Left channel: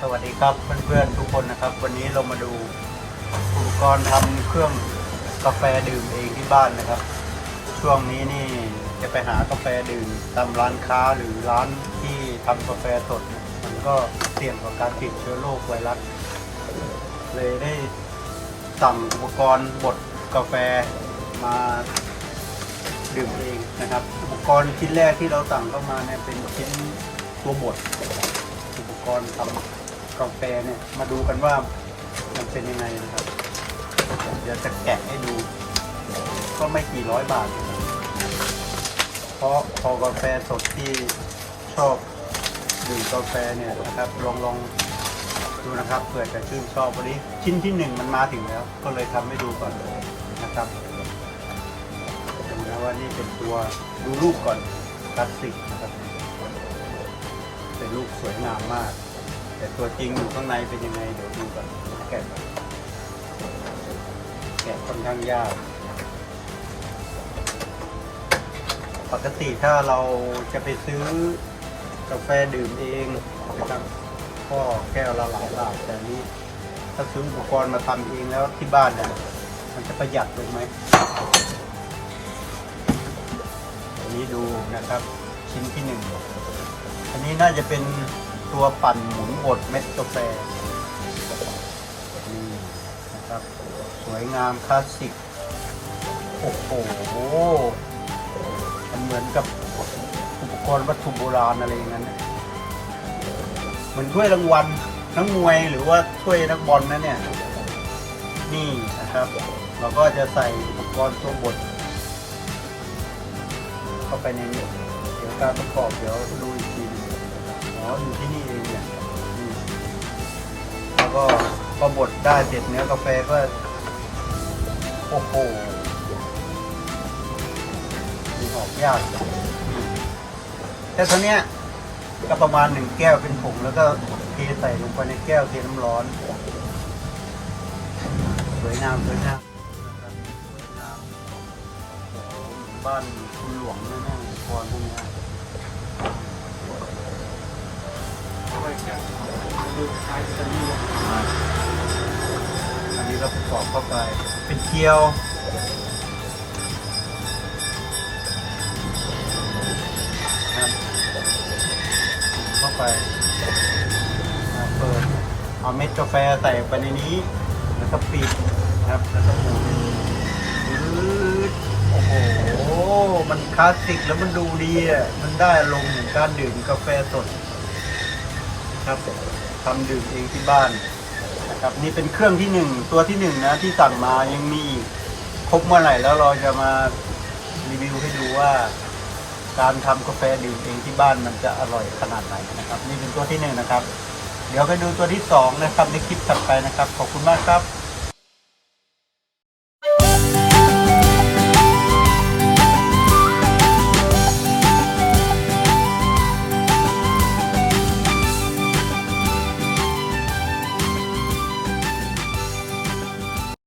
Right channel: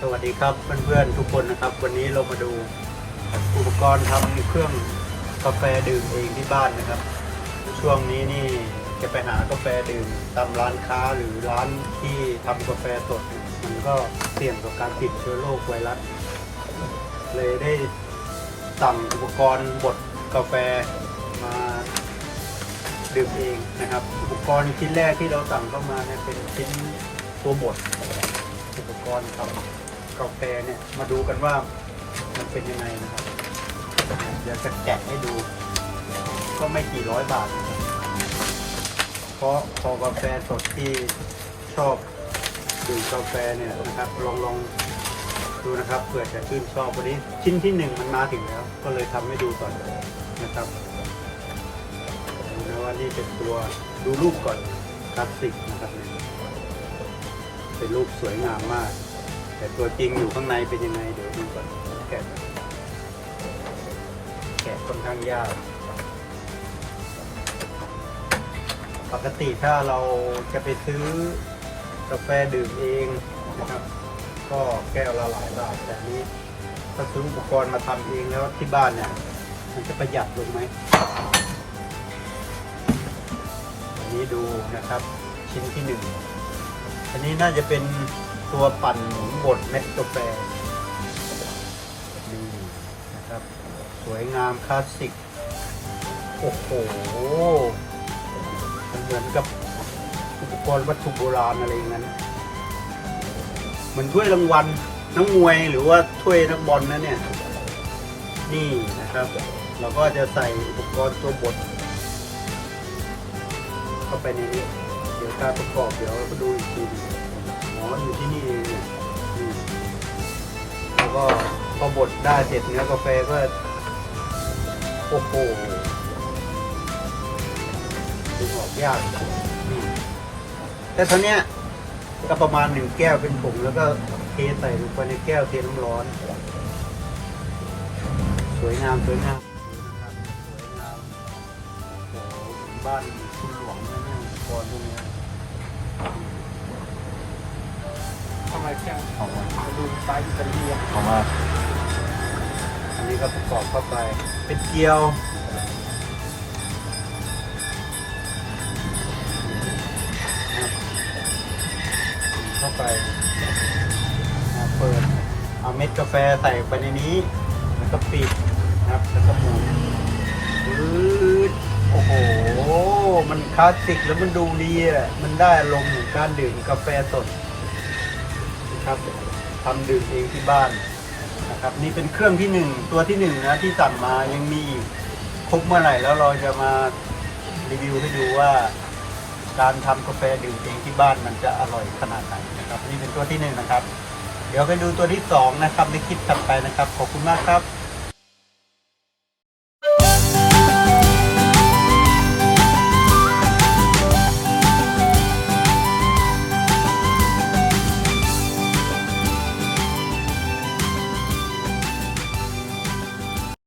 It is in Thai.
สวัสดีครับเพื่อนๆทุกคนนะครับ วันนี้เรามาดูอุปกรณ์ทำเครื่องกาแฟดื่มเองที่บ้านนะครับ ช่วงนี้นี่จะไปหากาแฟดื่มตามร้านค้าหรือร้านที่ทำกาแฟสดมันก็เสี่ยงต่อการติดเชื้อโรคไวรัสเลยได้สั่งอุปกรณ์บดกาแฟมาดื่มเองนะครับ อุปกรณ์ชิ้นแรกที่เราสั่งเข้ามาเนี่ยเป็นชิ้นตัวบด กรณ์ทำกาแฟเนี่ยมาดูกันว่ามันเป็นยังไงนะครับเดี๋ยวจะแกะให้ดู ก็ไม่กี่ร้อยบาท เพราะพอกาแฟสดที่ชอบดื่มกาแฟเนี่ยนะครับลองลองดูนะครับเผื่อจะชื่นชอบวันนี้ชิ้นที่หนึ่งมันมาถึงแล้ว ก็เลยทำให้ดูก่อนนะครับดูนะว่านี่เป็นตัวดูรูปก่อนคลาสสิกนะครับ เป็นรูปสวยงามมาก แต่ตัวจริงอยู่ข้างในเป็นยังไงเดี๋ยวดูก่อนแกะก่อนแกะค่อนข้างยากปกติถ้าเราจะไปซื้อกาแฟดื่มเองนะครับก็แก้วละหลายบาทแต่นี้ถ้าซื้ออุปกรณ์มาทำเองแล้วที่บ้านเนี่ยมันจะประหยัดเลยไหมนนี้ดูนะครับชิ้นที่หนึ่ง อันนี้น่าจะเป็นตัวปั่นหมุนบดเม็ดกาแฟนี่นะครับ สวยงามคลาสสิก โอ้โห มันเหมือนกับอุปกรณ์วัตถุโบราณอะไรอย่างนั้น เหมือนถ้วยรางวัลนักมวยหรือว่าถ้วยนักบอลนะเนี่ย นี่นะครับ เราก็จะใส่อุปกรณ์ตัวบดเข้าไปในนี้ การประกอบเดี๋ยวมาดูอีกทีอ๋ออยู่ที่นี่เองเนี่ยแล้วก็พอบดได้เสร็จเนื้อกาแฟก็โอ้โหดึงออกยากอืมแต่ทีเนี้ยก็ประมาณหนึ่งแก้วเป็นผงแล้วก็เทใส่ลงไปในแก้วเทน้ำร้อน สวยงามสวยงามบ้านคุณหลวงแน่ๆอุปกรณ์พวกเนี้ย อันนี้ก็ประกอบเข้าไปเป็นเกลียว เข้าไปนะเปิด เอาเม็ดกาแฟใส่ไปในนี้ แล้วก็ปิดนะครับแล้วก็หมุนปื๊ด คลาสสิกแล้วมันดูดีอะ มันได้อารมณ์เหมือนการดื่มกาแฟสดนะครับทำดื่มเองที่บ้านนะครับ นี่เป็นเครื่องที่หนึ่งตัวที่หนึ่งนะที่สั่งมายังมีครบเมื่อไหร่แล้วเราจะมารีวิวให้ดูว่า การทำกาแฟดื่มเองที่บ้านมันจะอร่อยขนาดไหนนะครับ นี่เป็นตัวที่หนึ่งนะครับ เดี๋ยวไปดูตัวที่สองนะครับในคลิปถัดไปนะครับ ขอบคุณมากครับ